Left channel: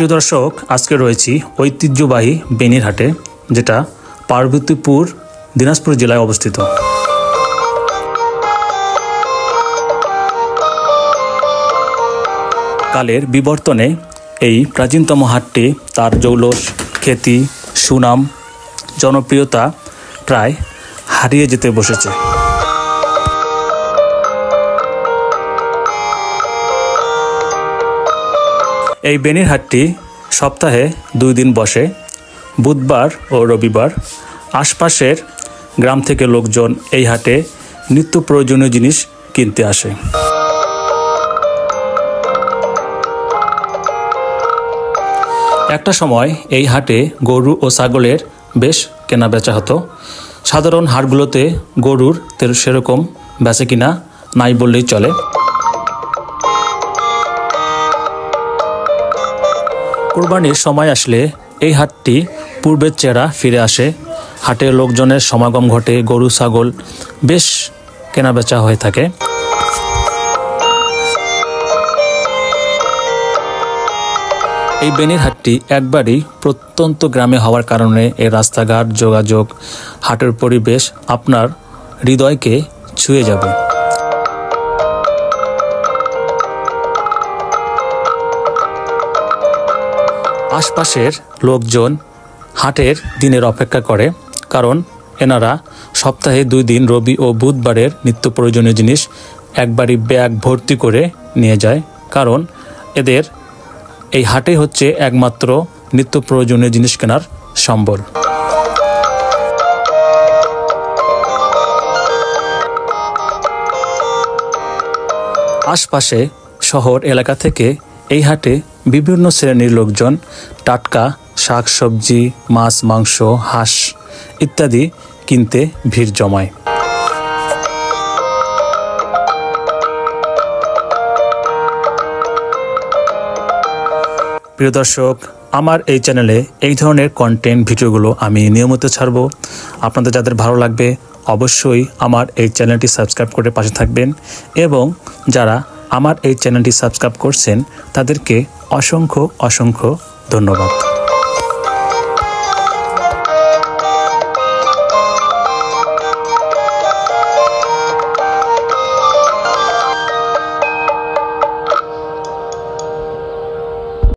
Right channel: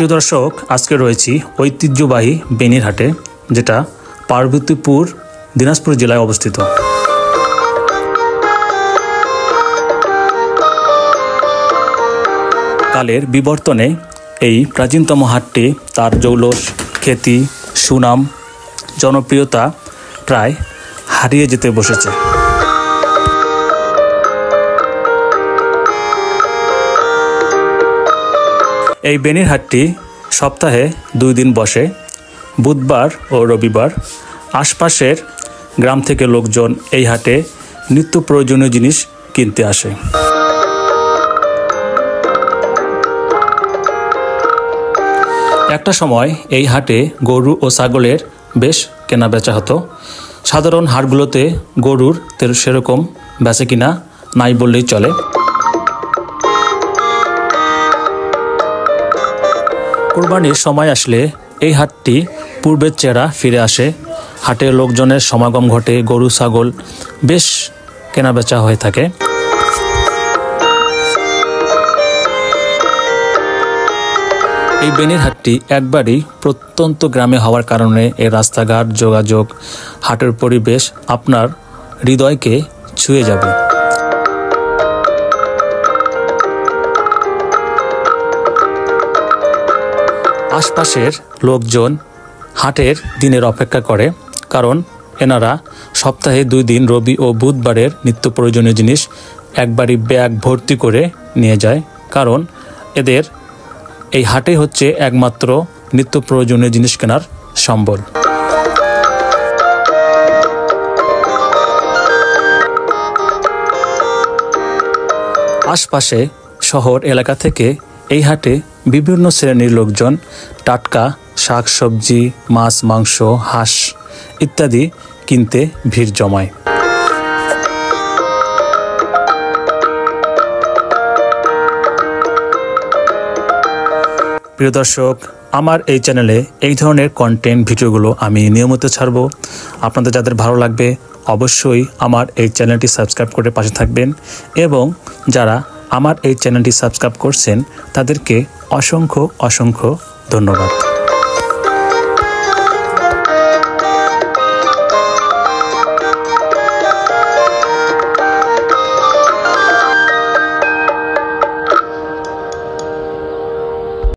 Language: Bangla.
প্রিয় দর্শক, আজকে রয়েছি ঐতিহ্যবাহী বেনির হাটে, যেটা পার্বতীপুর দিনাজপুর জেলায় অবস্থিত। কালের বিবর্তনে এই প্রাচীনতম হাটটি তার জৌলস, খ্যাতি, সুনাম, জনপ্রিয়তা প্রায় হারিয়ে যেতে বসেছে। এই বেনির হাটটি সপ্তাহে 2 দিন বসে, বুধবার ও রবিবার। আশপাশের গ্রাম থেকে লোকজন এই হাটে নিত্য প্রয়োজনীয় জিনিস কিনতে আসে। একটা সময় এই হাটে গরু ও ছাগলের বেশ কেনাবেচা হতো। সাধারণ হাটগুলোতে গরুর সেরকম বেচা কিনা নাই বললেই চলে। কোরবানির সময় আসলে এই হাটটি পূর্বের চেহারা ফিরে আসে। হাটে লোকজনের সমাগম ঘটে, গরু ছাগল বেশ কেনাবেচা হয়ে থাকে। এই বেনির হাটটি একবারই প্রত্যন্ত গ্রামে হওয়ার কারণে এই রাস্তাঘাট, যোগাযোগ, হাটের পরিবেশ আপনার হৃদয়কে ছুঁয়ে যাবে। আশপাশের লোকজন হাটের দিনের অপেক্ষা করে, কারণ এনারা সপ্তাহে 2 দিন রবি ও বুধবারের নিত্য প্রয়োজনীয় জিনিস একবারই ব্যাগ ভর্তি করে নিয়ে যায়। কারণ এদের এই হাটে হচ্ছে একমাত্র নিত্য প্রয়োজনীয় জিনিস কেনার সম্বল। আশপাশে শহর এলাকা থেকে এই হাটে বিভিন্ন শ্রেণীর লোকজন টাটকা শাক সবজি, মাছ, মাংস, হাঁস ইত্যাদি কিনতে ভিড় জমায়। প্রিয় দর্শক, আমার এই চ্যানেলে এই ধরনের কন্টেন্ট ভিডিওগুলো আমি নিয়মিত ছাড়ব। আপনাদের যাদের ভালো লাগবে অবশ্যই আমার এই চ্যানেলটি সাবস্ক্রাইব করে পাশে থাকবেন, এবং যারা আমার এই চ্যানেলটি সাবস্ক্রাইব করছেন তাদেরকে অসংখ্য ধন্যবাদ।